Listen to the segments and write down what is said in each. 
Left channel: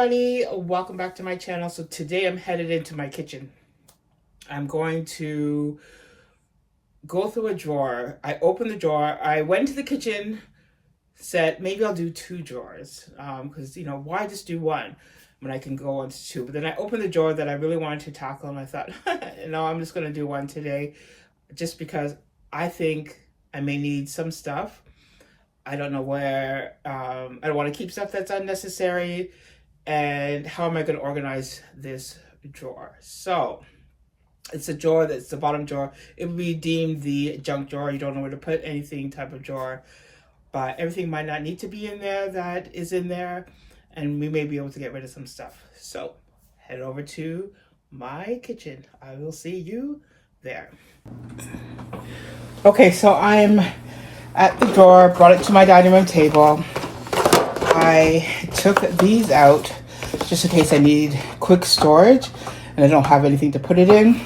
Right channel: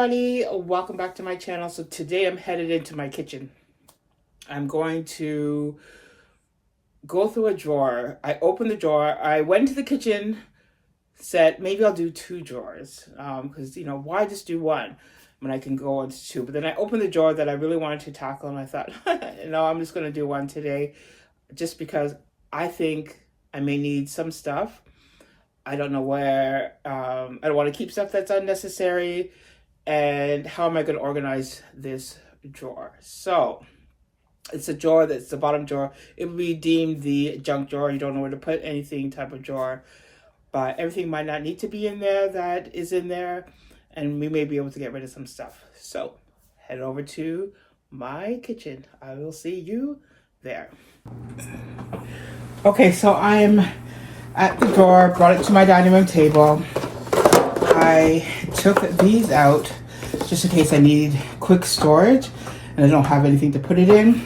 everybody, welcome back to my channel. So today I'm headed into my kitchen. I'm going to go through a drawer. I opened the drawer. I went to the kitchen, said maybe I'll do two drawers because why just do one when I can go into two. But then I opened the drawer that I really wanted to tackle and I thought no, I'm just going to do one today just because I think I may need some stuff. I don't know where. I don't want to keep stuff that's unnecessary. And how am I going to organize this drawer? So it's a drawer that's the bottom drawer. It would be deemed the junk drawer. You don't know where to put anything type of drawer. But everything might not need to be in there that is in there. And we may be able to get rid of some stuff. So head over to my kitchen. I will see you there. Okay, so I'm at the drawer, brought it to my dining room table. I took these out just in case I need quick storage and I don't have anything to put it in.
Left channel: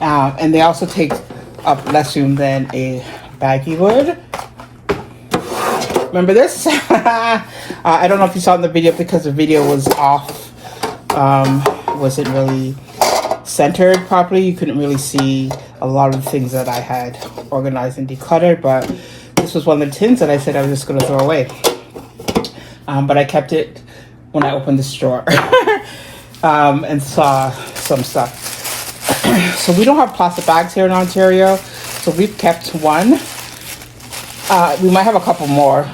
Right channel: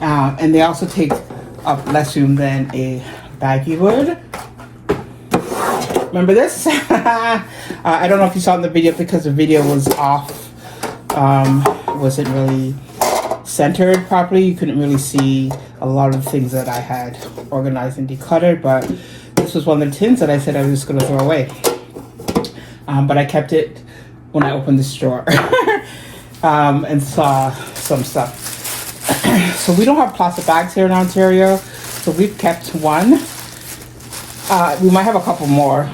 And they also take up less room than a baggie would. Remember this? I don't know if you saw in the video because the video was off. Wasn't really centered properly. You couldn't really see a lot of the things that I had organized and decluttered, but this was one of the tins that I said I was just going to throw away. But I kept it when I opened this drawer and saw some stuff. So we don't have plastic bags here in Ontario, so we've kept one. We might have a couple more,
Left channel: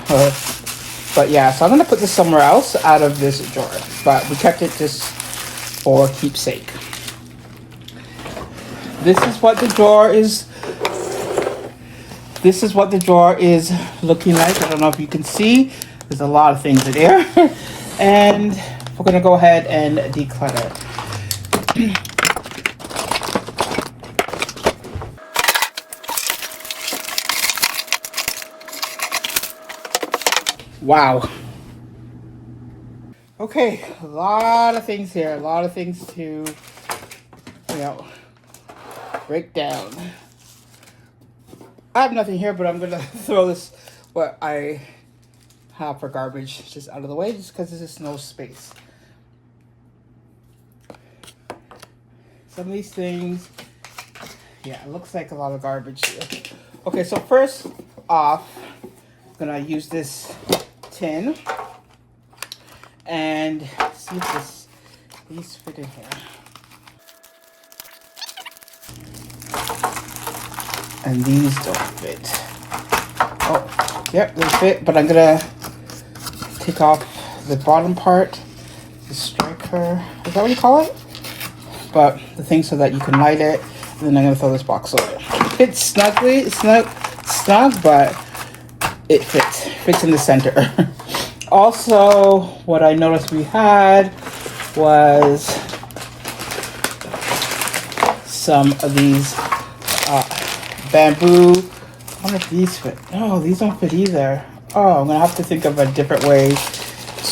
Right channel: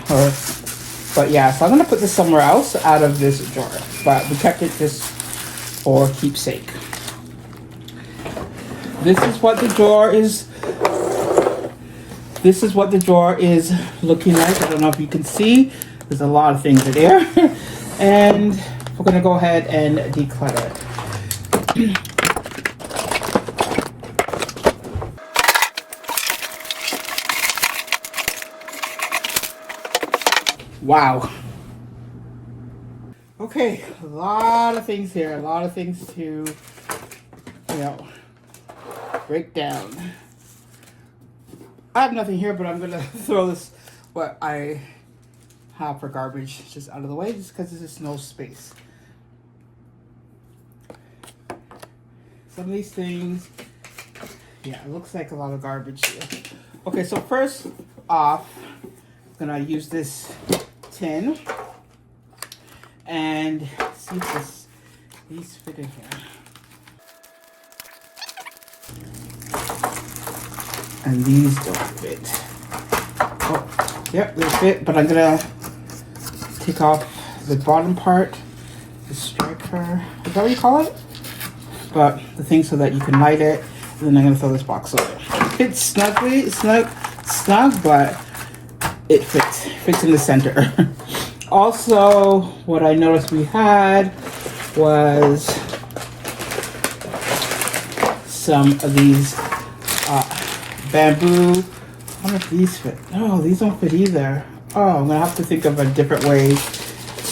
but yeah, so I'm going to put this somewhere else out of this drawer, but we kept it just for keepsake. This is what the drawer is. This is what the drawer is looking like. I don't know if you can see. There's a lot of things in there. And we're going to go ahead and declutter. Wow. Okay, a lot of things here. A lot of things to, break down. I have nothing here, but I'm going to throw this, what I have for garbage, just out of the way, just because there's just no space. Some of these things, yeah, it looks like a lot of garbage here. Okay, so first off, I'm going to use this tin and see if these fit in here. And these don't fit. Oh, yep, they fit, but I'm gonna take off the bottom part, the striker, is that what you call it? But the thing so that you can light it, and then I'm gonna throw this box away. It fits snugly, it's snug, but it fits in the center. Also, what I noticed we had was some of these bamboo. I wonder if these fit. No, these don't fit either. Oh, I'm gonna have to think of a different way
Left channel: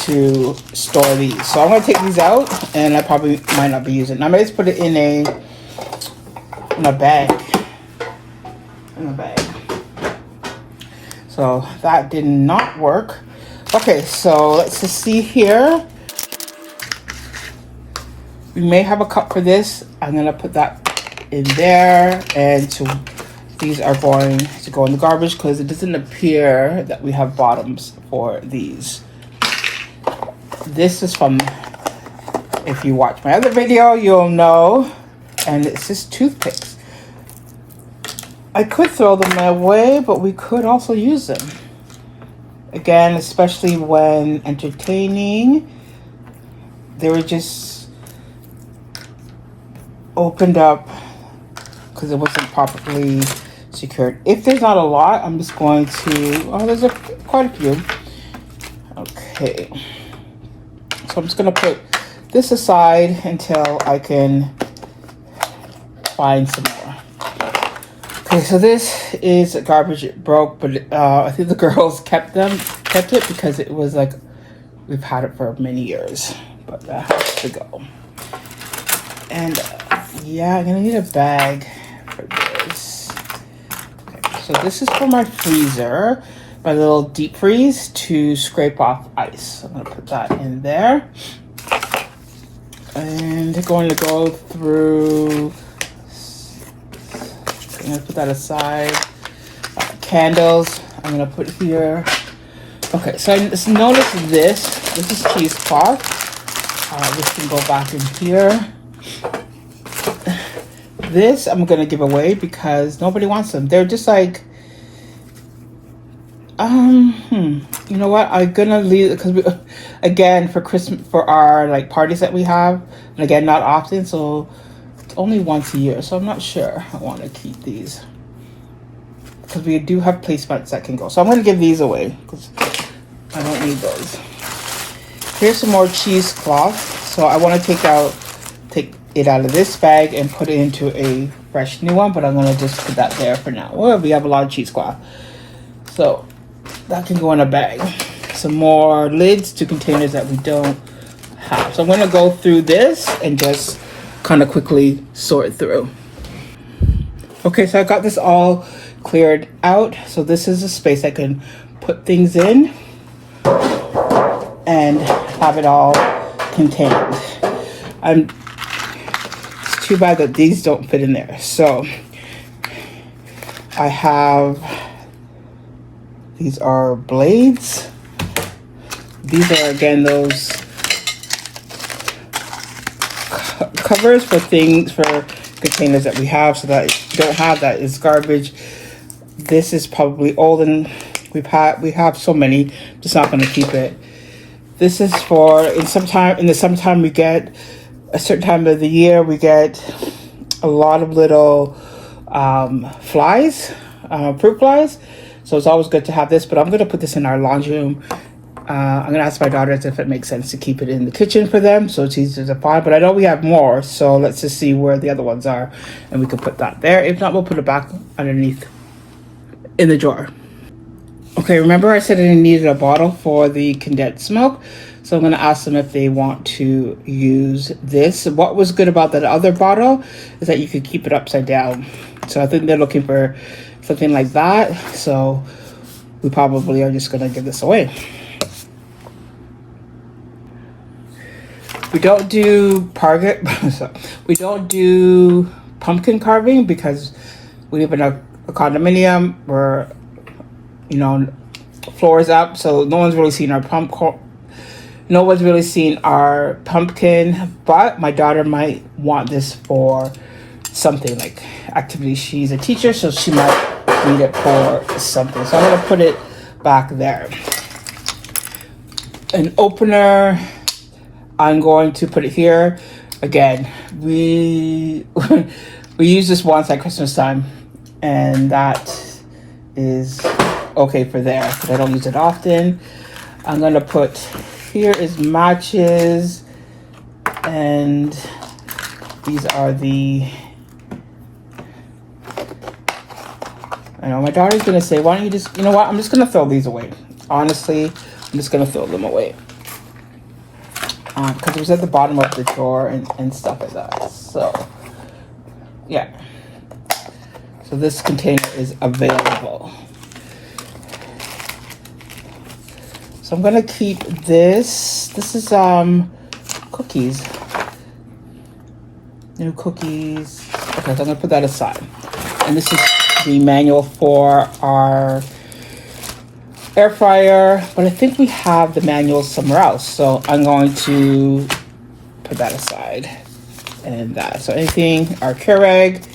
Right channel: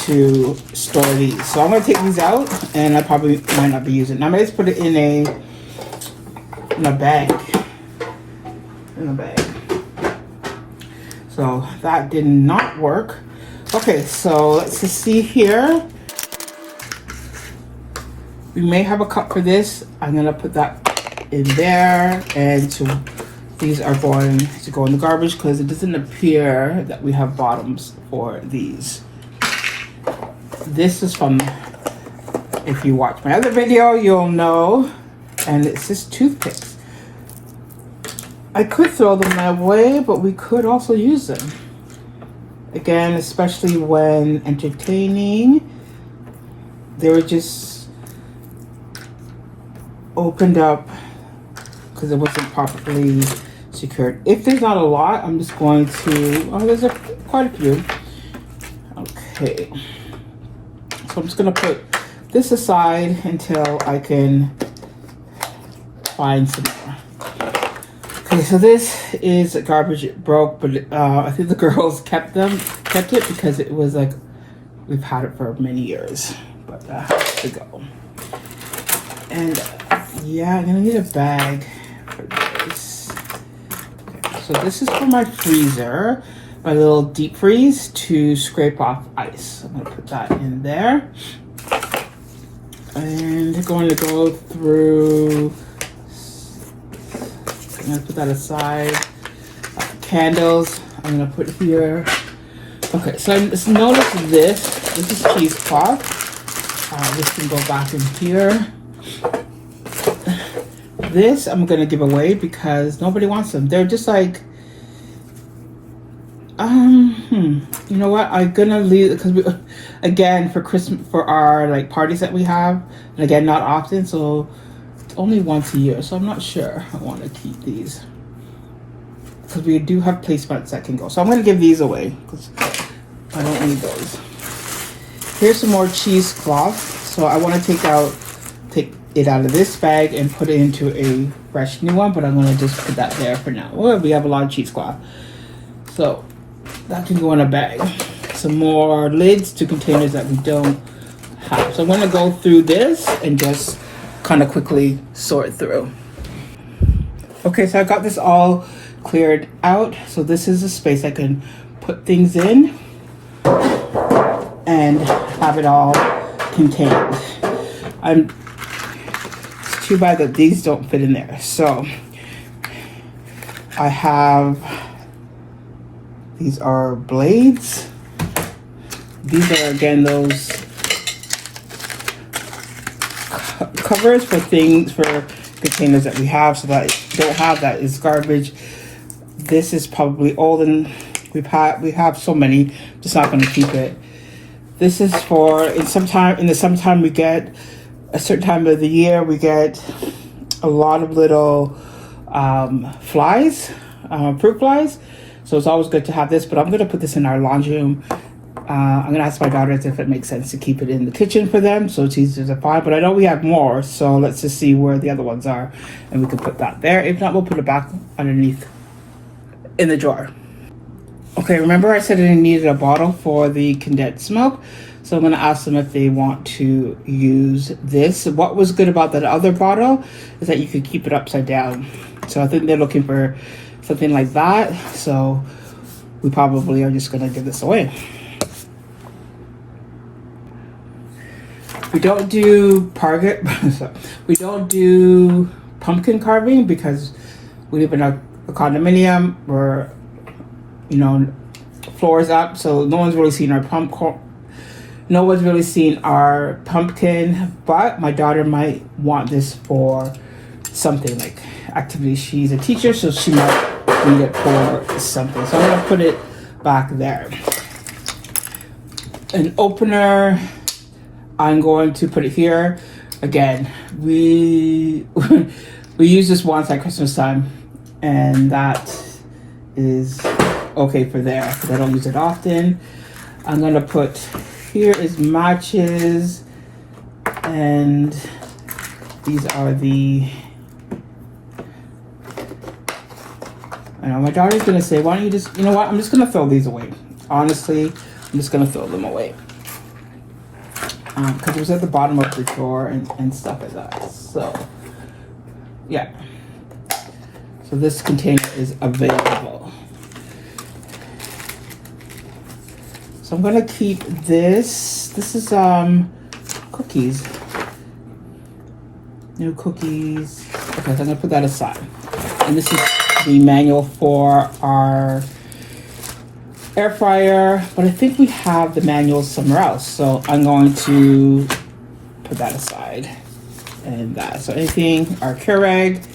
to store these. So I'm gonna take these out, and I probably might not be using. I might just put it in a bag. In a bag. So that did not work. Okay, so let's just see here. We may have a cup for this. I'm gonna put that in there, and these are going to go in the garbage because it doesn't appear that we have bottoms for these. This is from, if you watch my other video, you'll know, and it's just toothpicks. I could throw them away, but we could also use them. Again, especially when entertaining, they were just opened up because it wasn't properly secured. If there's not a lot, I'm just going to, there's quite a few. Okay. So I'm just going to put this aside until I can find some more. Okay, so this is garbage. It broke, but I think the girls kept it because it was like, we've had it for many years, but that has to go. And yeah, I'm gonna need a bag for this. Okay, so this is for my freezer. my little deep freeze to scrape off ice. I'm gonna put that in there. And going to go through, I'm gonna put that aside. Candles, I'm gonna put here. Okay, so I just notice this is cheesecloth. This can go back in here. This I'm gonna give away because nobody wants them. They're just like, you know what? I'm gonna leave because we, again, for Christmas, for our like parties that we have, and again, not often, so it's only once a year. So I'm not sure I want to keep these because we do have placemats that can go. So I'm gonna give these away because I don't need those. Here's some more cheesecloth. So I want to take it out of this bag and put it into a fresh new one, but I'm gonna just put that there for now. Well, we have a lot of cheesecloth, so that can go in a bag. Some more lids to containers that we don't have. So I'm gonna go through this and just kind of quickly sort through. Okay, so I got this all cleared out. So this is a space I can put things in and have it all contained. It's too bad that these don't fit in there. So I have, these are blades. These are again those covers for things, for containers that we have, so that don't have that is garbage. This is probably old and we have so many, just not going to keep it. This is for in the summertime we get a certain time of the year we get a lot of little flies, fruit flies. So it's always good to have this, but I'm going to put this in our laundry room. I'm going to ask my daughters if it makes sense to keep it in the kitchen for them, so it's easier to find. But I know we have more, so let's just see where the other ones are, and we can put that there. If not, we'll put it back underneath in the drawer. Okay, remember I said I needed a bottle for the condensed milk, so I'm going to ask them if they want to use this. What was good about that other bottle is that you could keep it upside down. So I think they're looking for something like that, so we probably are just going to give this away. We don't do we don't do pumpkin carving because we live in a condominium where, you know, floors up, so no one's really seen our pumpkin, but my daughter might want this for something like activities. She's a teacher, so she might need it for something. So I'm gonna put it back there. An opener, I'm going to put it here. Again, we use this once at Christmas time, and that is okay for there, but I don't use it often. I'm gonna put, here is matches, and these are the, I know my daughter's gonna say, why don't you just, you know what, I'm just gonna throw these away. Honestly, I'm just gonna throw them away. Because it was at the bottom of the drawer and stuff like that. So, yeah. So this container is available. So I'm gonna keep this. This is cookies. New cookies. Okay, so I'm gonna put that aside. And this is the manual for our air fryer, but I think we have the manual somewhere else, so I'm going to put that aside. And that, so anything, our Keurig,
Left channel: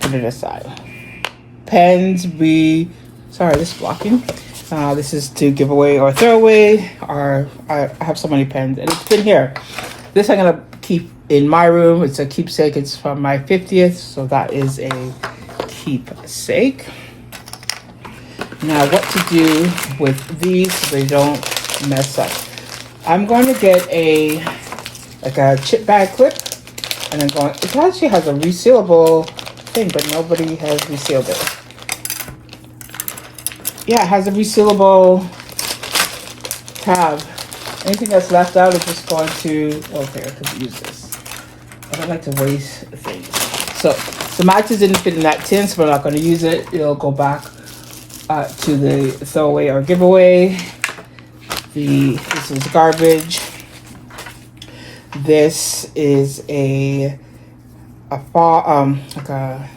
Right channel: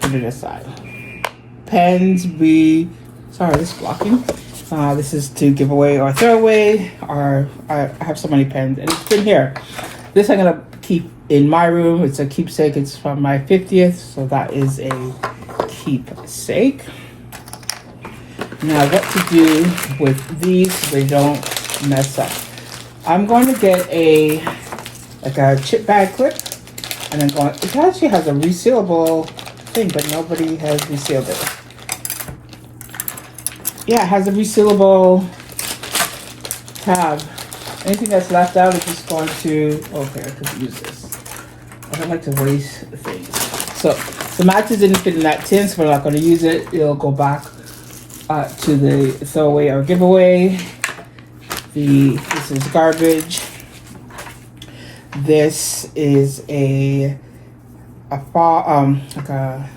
put it aside. Pens, sorry, this is blocking. This is to give away or throw away, or I have so many pens, and it's been here. This I'm gonna keep in my room. It's a keepsake. It's from my 50th, so that is a keepsake. Now, what to do with these so they don't mess up? I'm going to get a chip bag clip, and I'm going. It actually has a resealable thing, but nobody has resealed it. Yeah, it has a resealable tab. Anything that's left out is just going to. Okay, I could use this. I don't like to waste things. So the matches didn't fit in that tin, so we're not going to use it. It'll go back to the throwaway or giveaway. This is garbage. This is a fob, like not a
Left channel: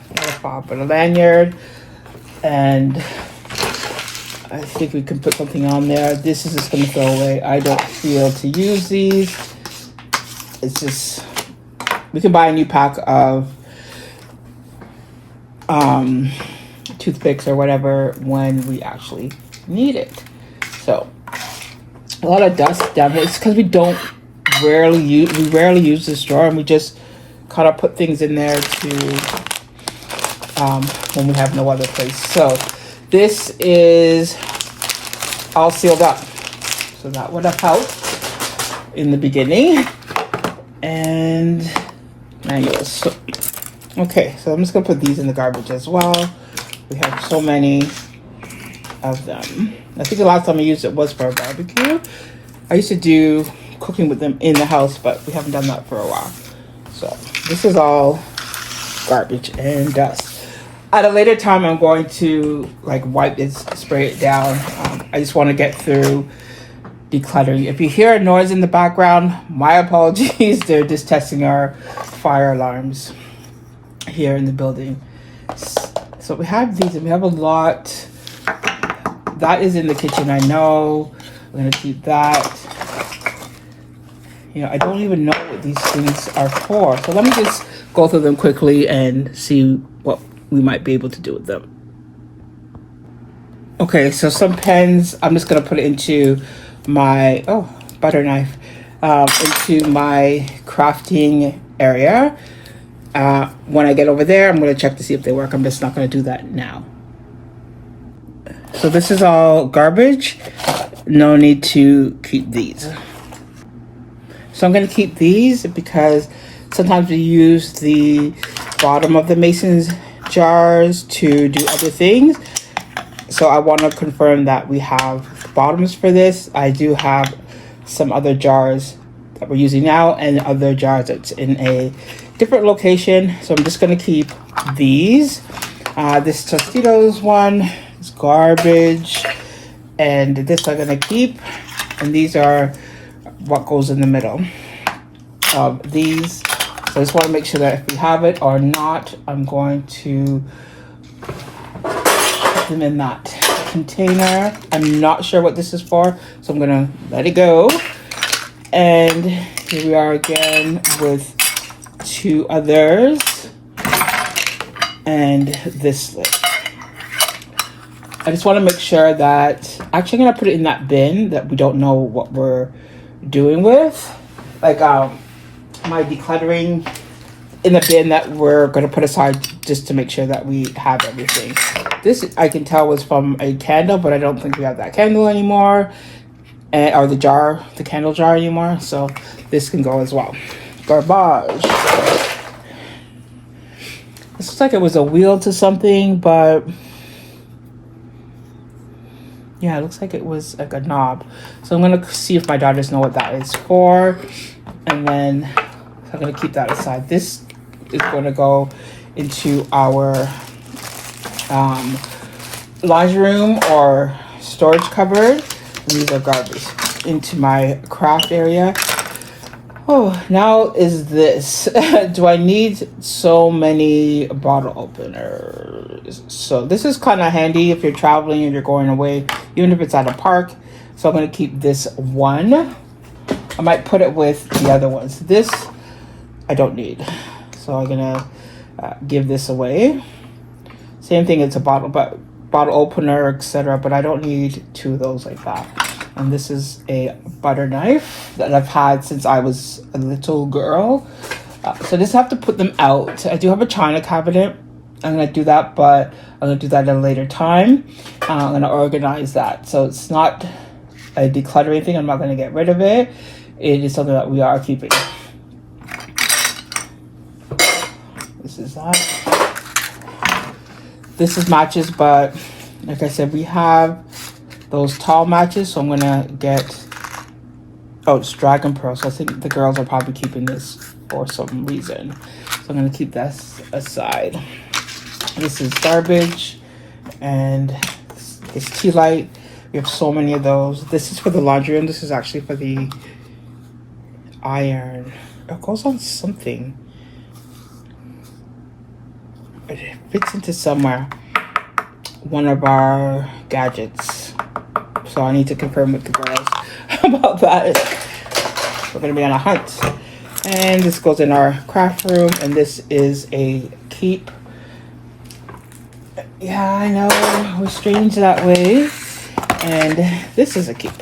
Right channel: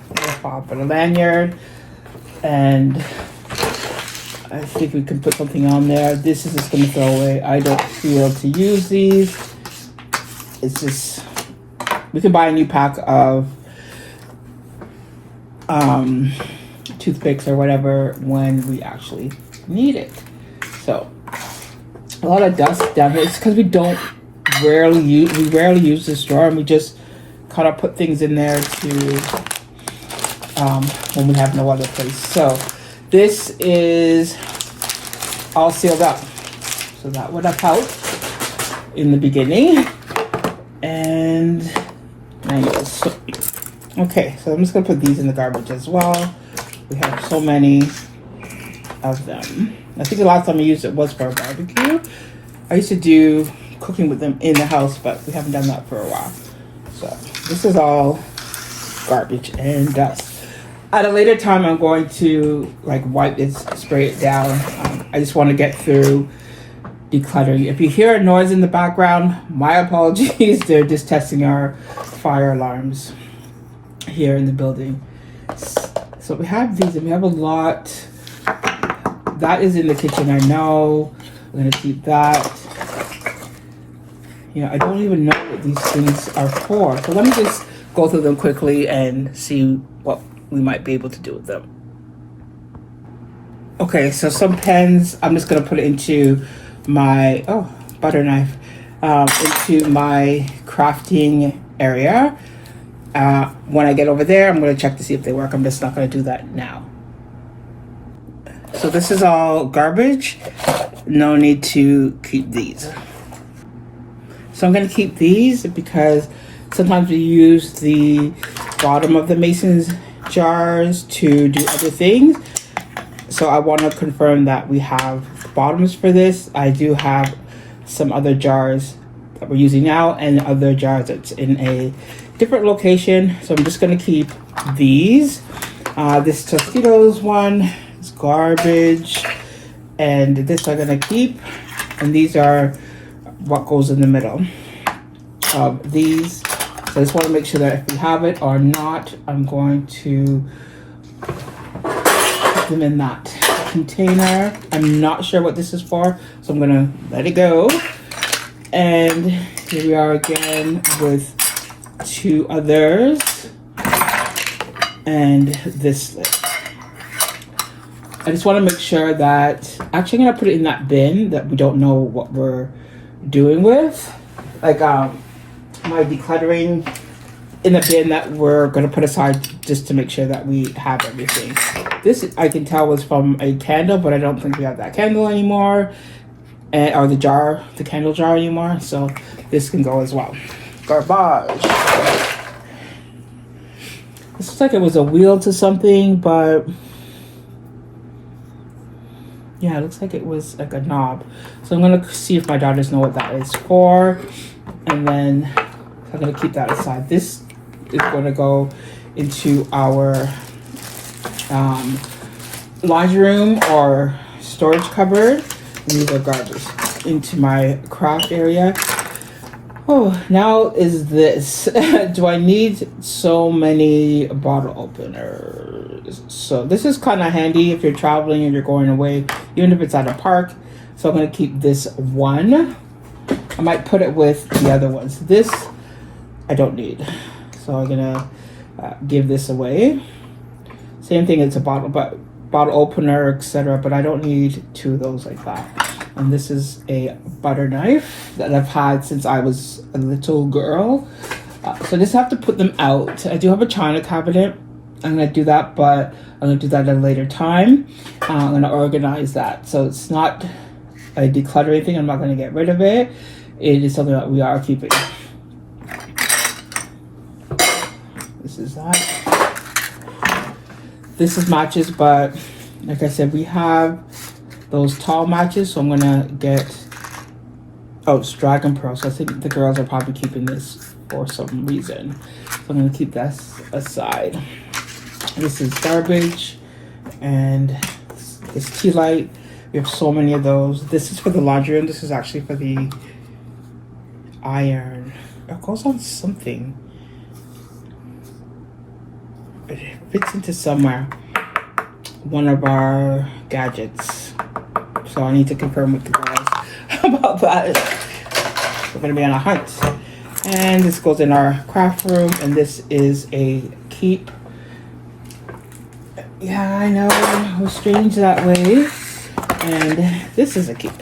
fob, but a lanyard, and I think we can put something on there. This is just going to throw away. I don't feel to use these. It's just, we can buy a new pack of toothpicks or whatever when we actually need it. So a lot of dust down here. It's because we rarely use this drawer, and we just kind of put things in there to when we have no other place. So this is all sealed up, so that would have helped in the beginning. And manuals. Okay, so I'm just gonna put these in the garbage as well. We have so many of them. I think the last time I used it was for a barbecue. I used to do cooking with them in the house, but we haven't done that for a while. So this is all garbage and dust. At a later time, I'm going to like wipe it, spray it down. I just want to get through decluttering. If you hear a noise in the background, my apologies. They're just testing our fire alarms here in the building. So we have these, and we have a lot. That is in the kitchen, I know. We're gonna keep that. You know, I don't even know what these things are for. So let me just go through them quickly and see what we might be able to do with them. Okay, so some pens, I'm just gonna put it into my, butter knife, into my crafting area. When I get over there, I'm gonna check to see if they work. I'm just not gonna do that now. So this is all garbage. No need to keep these. So I'm gonna keep these because sometimes we use the bottom of the Mason's jars to do other things. So I want to confirm that we have bottoms for this. I do have some other jars that we're using now and other jars that's in a different location. So I'm just going to keep these. This Tostitos one is garbage, and this I'm going to keep. And these are what goes in the middle of these. So I just want to make sure that if we have it or not, I'm going to put them in that container. I'm not sure what this is for, so I'm gonna let it go. And here we are again with two others and this lid. I just want to make sure that, actually I'm gonna put it in that bin that we don't know what we're doing with, like my decluttering, in the bin that we're going to put aside just to make sure that we have everything. This I can tell was from a candle, but I don't think we have that candle anymore, or the candle jar anymore. So this can go as well. Garbage. This looks like it was a wheel to something, but yeah, it looks like it was like a knob. So I'm going to see if my daughters know what that is for, and then I'm going to keep that aside. This is going to go into our laundry room or storage cupboard. These are garbage. Into my craft area. Oh, now is this. Do I need so many bottle openers? So this is kind of handy if you're traveling and you're going away, even if it's at a park. So I'm going to keep this one. I might put it with the other ones. This I don't need. So I'm gonna give this away. Same thing, it's a bottle opener, etc. But I don't need two of those like that. And this is a butter knife that I've had since I was a little girl. So just have to put them out. I do have a china cabinet. I'm gonna do that, but I'm gonna do that at a later time. I'm gonna organize that. So it's not a decluttering thing. I'm not gonna get rid of it. It is something that we are keeping. This is that. This is matches, but like I said, we have those tall matches, so I'm gonna get, it's Dragon Pearl, so I think the girls are probably keeping this for some reason. So I'm gonna keep that aside. This is garbage, and This tea light. We have so many of those. This is for the laundry, and this is actually for the iron. It goes on something. It fits into somewhere. One of our gadgets. So I need to confirm with the girls about that. We're gonna be on a hunt. And this goes in our craft room, and this is a keep. Yeah, I know, we're strange that way. And this is a keep.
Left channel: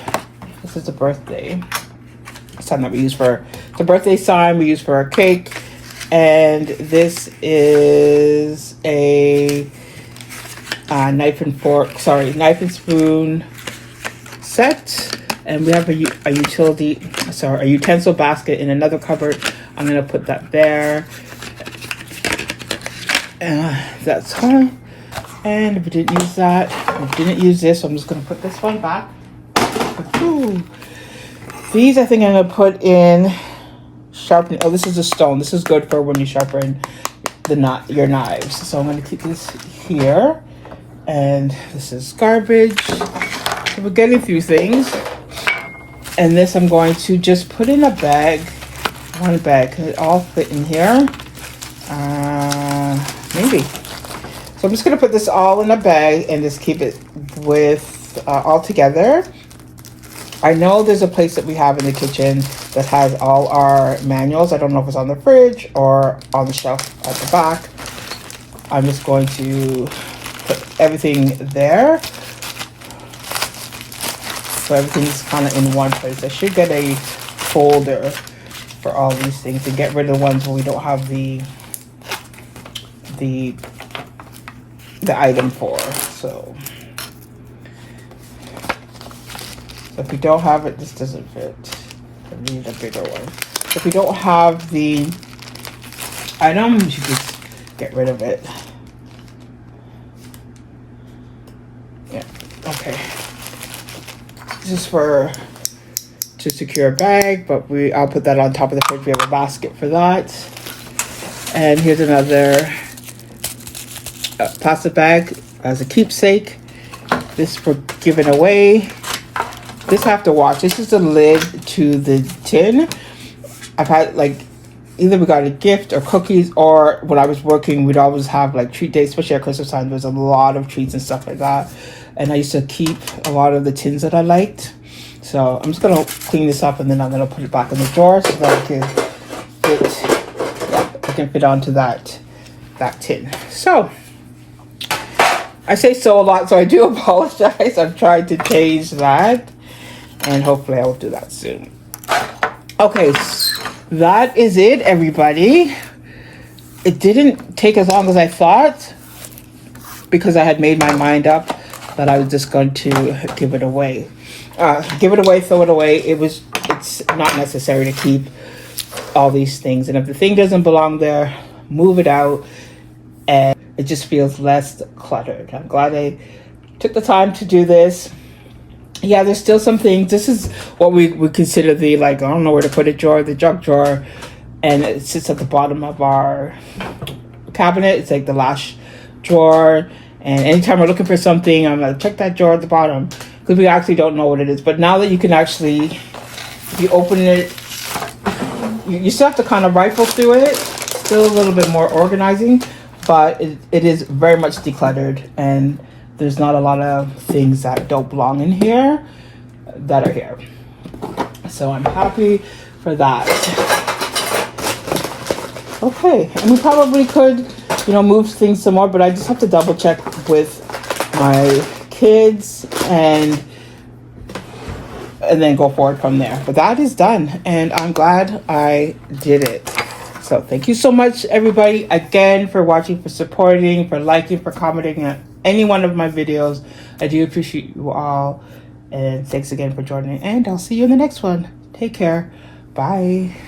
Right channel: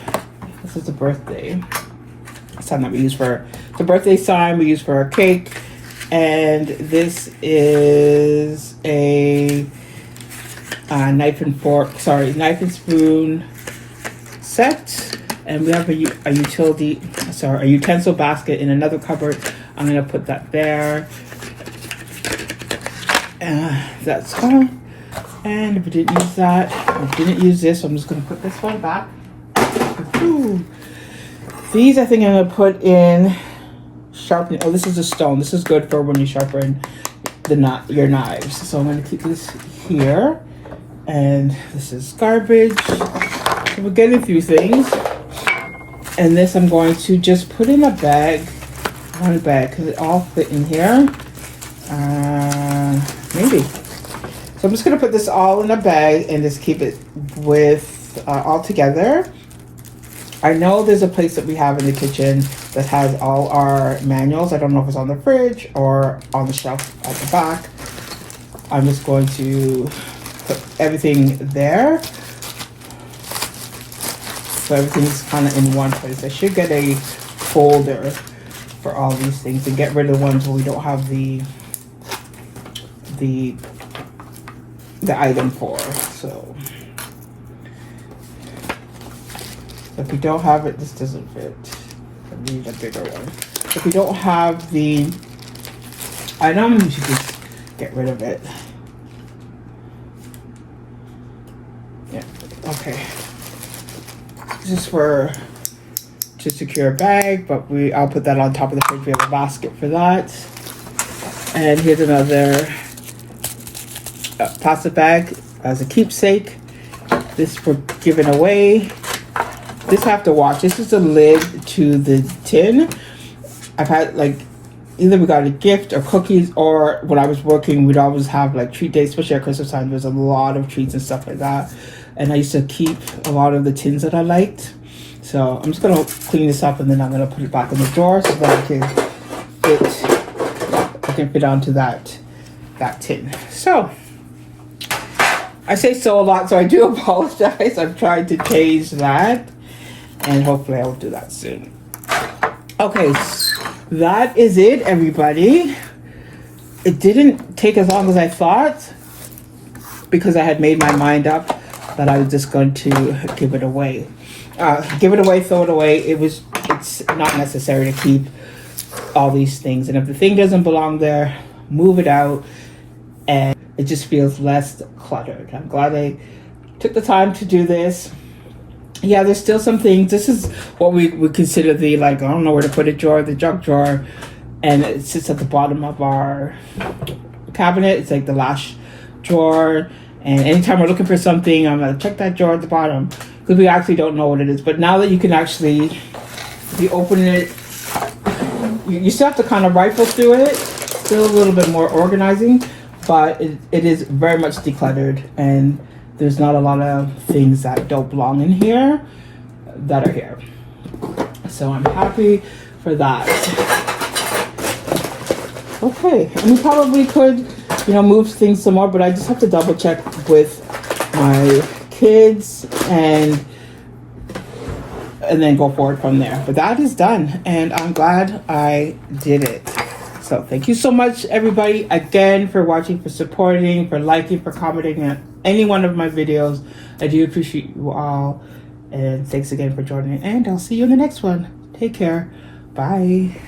This is a birthday sign that we use for the birthday sign we use for our cake. And this is a knife and spoon set. And we have a utensil basket in another cupboard. I'm gonna put that there. That's fine. And if we didn't use that, we didn't use this, so I'm just gonna put this one back. Ooh. These I think I'm gonna put in sharpening. Oh, this is a stone. This is good for when you sharpen your knives. So I'm gonna keep this here. And this is garbage. So we're getting through things. And this I'm going to just put in a bag. One bag, because it all fit in here. Maybe. So I'm just gonna put this all in a bag and just keep it with all together. I know there's a place that we have in the kitchen that has all our manuals. I don't know if it's on the fridge or on the shelf at the back. I'm just going to put everything there. So everything's kind of in one place. I should get a folder for all these things and get rid of the ones where we don't have the item for. So if we don't have it, this doesn't fit. I need a bigger one. If we don't have the item, we should just get rid of it. Yeah, okay. This is to secure a bag, but I'll put that on top of the fridge. We have a basket for that. And here's another plastic bag as a keepsake. This for giving away. This I have to wash. This is the lid to the tin. I've had either we got a gift or cookies, or when I was working, we'd always have treat days, especially at Christmas time. There's a lot of treats and stuff like that. And I used to keep a lot of the tins that I liked. So I'm just gonna clean this up and then I'm gonna put it back in the drawer so that I can fit onto that tin. So I say so a lot, so I do apologize. I'm trying to change that, and hopefully I will do that soon. Okay, that is it, everybody. It didn't take as long as I thought because I had made my mind up that I was just going to give it away. Give it away, throw it away. It's not necessary to keep all these things. And if the thing doesn't belong there, move it out. And it just feels less cluttered. I'm glad I took the time to do this. Yeah, there's still some things. This is what we would consider the, I don't know where to put it drawer, the junk drawer. And it sits at the bottom of our cabinet. It's the last drawer. And anytime we're looking for something, I'm going to check that drawer at the bottom because we actually don't know what it is. But now that you can actually, if you open it, you still have to kind of rifle through it. Still a little bit more organizing, but it is very much decluttered. And there's not a lot of things that don't belong in here that are here. So I'm happy for that. Okay, and we probably could move things some more, but I just have to double check with my kids and then go forward from there. But that is done, and I'm glad I did it. So thank you so much, everybody, again, for watching, for supporting, for liking, for commenting on any one of my videos. I do appreciate you all, and thanks again for joining, and I'll see you in the next one. Take care. Bye.